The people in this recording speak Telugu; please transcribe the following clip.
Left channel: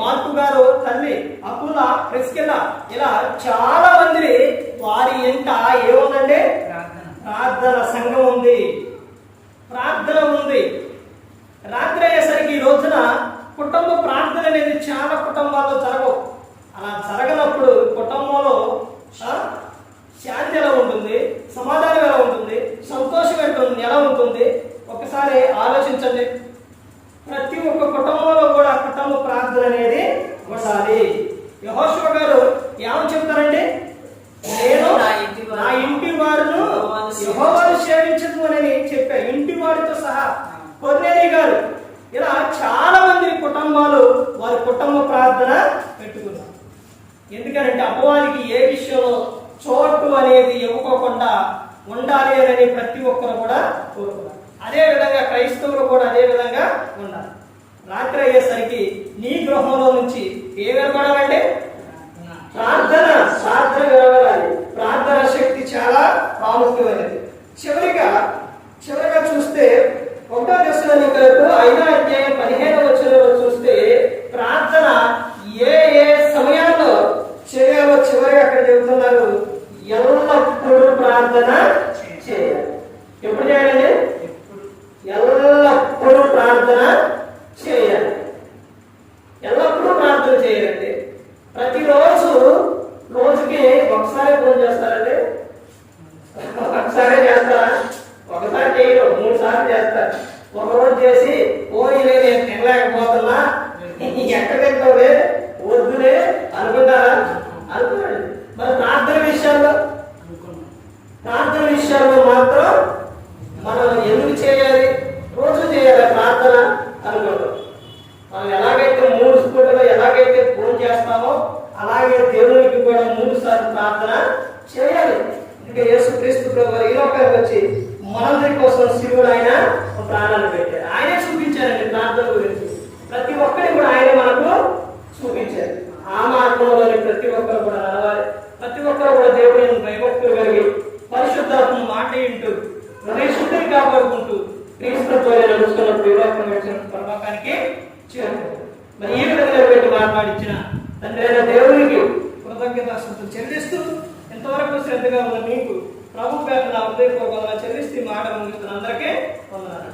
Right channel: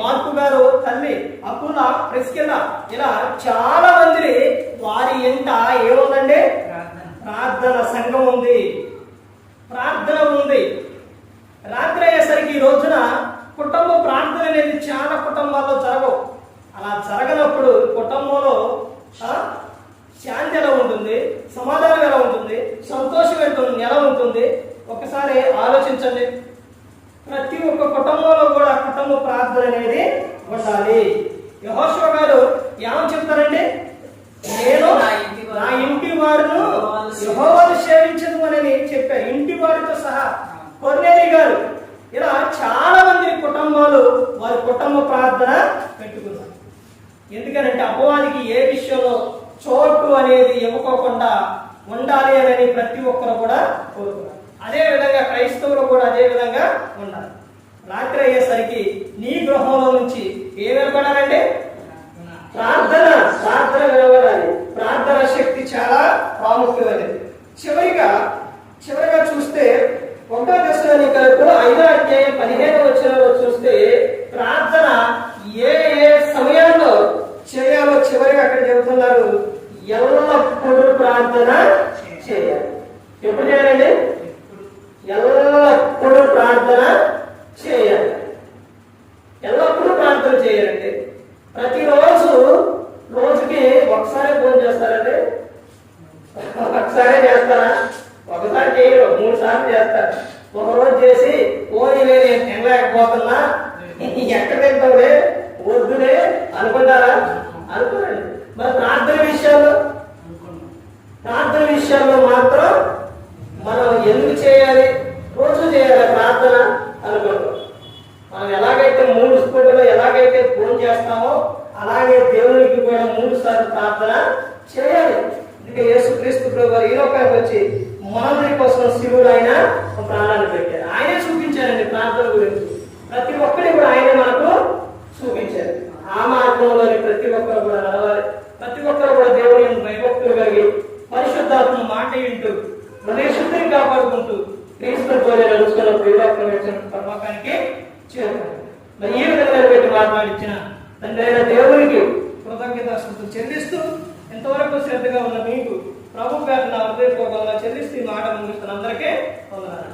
మార్కు గారు తల్లి అకుల ప్రిస్కిల్ల ఇలా చాలా మంది వారి ఎంట ఏముందండి? ప్రార్థన సంఘం ఉంది, ప్రార్థన ఉంది. రాత్రి అయ్యేసరికి ఈ రోజున కుటుంబ ప్రార్థన అనేది చాలా కుటుంబాల్లో జరగవు. అలా జరగనప్పుడు కుటుంబంలో శాంతి ఎలా ఉంటుంది, సమాధానం ఎలా ఉంటుంది, సంతోషం ఎలా ఉంటుంది? ఒకసారి ఆలోచించండి. ప్రతి ఒక్క కుటుంబంలో కూడా కుటుంబ ప్రార్థన అనేది ఉండాలి. యెహోషువ గారు ఏమని చెప్తారండి? నేను నా ఇంటి వారును యెహోవాను సేవించదు అని చెప్పా. ఇంటి వారితో సహా కొర్నేలి గారు ఇలా చాలా మంది కుటుంబాలు వారి కుటుంబ ప్రార్థన పెట్టుకున్నారు. ఎందుకనంటే అపవాదికి ఏ విషయంలో చోటు అనేది ఇవ్వకోకుండా ఉండాలి అని ప్రతి ఒక్కరు కూడా కోరుకున్నారు. అదే విధంగా క్రైస్తవులు కూడా అదే విధంగా ఉండాలి. రాత్రి అయ్యేసరికి నీ గృహంలో నుంచి ఏం వినపడాలంటే ప్రార్థన వినపడాలి. ప్రార్థన శక్తి చాలా ప్రాముఖ్యమైనది. చివరిగా చూస్తే 1 దశలోనికలకు 5వ అధ్యాయం 15వ వచనంలో చూస్తే ప్రార్థన ఏ సమయాల్లో చేయాలో చివరిగా అక్కడ చెబుతున్నారు. ఎల్లప్పుడూ ప్రార్థన చేయాలి. ఎప్పుడు చేయాలండి? ఎల్లప్పుడూ ప్రార్థన చేయాలి. ఎల్లప్పుడూ ప్రార్థన చేయాలండి. రోజుకి ఒకసారి ఫోన్ చేస్తారండి? ఒకసారి చేస్తారా? ఒకసారి చేయరు, 3 సార్లు చేస్తారు. ఒకరోజు చేసి పోయిలే నేను తినలేకపోతున్నా, ఎక్కడ తింటావులే, వద్దులే అనుకుంటారా? అనుకోండి. మరి ప్రార్థన విషయాల్లో మాత్రం మనం ఎందుకు చేయాలి? రోజు చేయాలి ప్రార్థన అనుకుంటాం. మనం ఎలాగైతే 3 స్కూళ్ళలో ఎలాగైతే ఫోన్ చేస్తామో అలాగే దేవునికి కూడా 3 సార్లు ప్రార్థన చేయాలి. ఇంకా యేసుక్రీస్తు ప్రభువు ఈ లోకానికి వచ్చి మనందరి కోసం శివుడు ఆయన ప్రాణాలు పెట్టాడు. ఆయనే చూపించారండి ప్రార్థన గురించి. ప్రతి ఒక్కరి కూడా ఆయనే మనకు చూపించారు. ఆ మార్గంలోని ప్రతి ఒక్కరు కూడా నడవాలి. ప్రతి ఒక్కరు కూడా దేవుని భయభక్తులు కలిగి పరిశుద్ధాత్మ మాట వింటూ హృదయ శుద్ధిని కాపాడుకుంటూ క్రీస్తు పోలే నడుస్తున్నప్పుడు ఈ లోకం వచ్చిన పరలోకానికి చేరుకుంటారు. మరి ఈ విధంగా నిలబెట్టి మాట్లాడించిన తండ్రి అయిన దేవునికి కృతజ్ఞతాస్తుతులు చెల్లిస్తూ ఎంతవరకు శ్రద్ధగా ఉన్న మీకు ప్రభు పేరు నా హృదయపూర్వకంగా చెల్లిస్తూ మాట ముగిస్తున్న అందరికీ వందనాలు.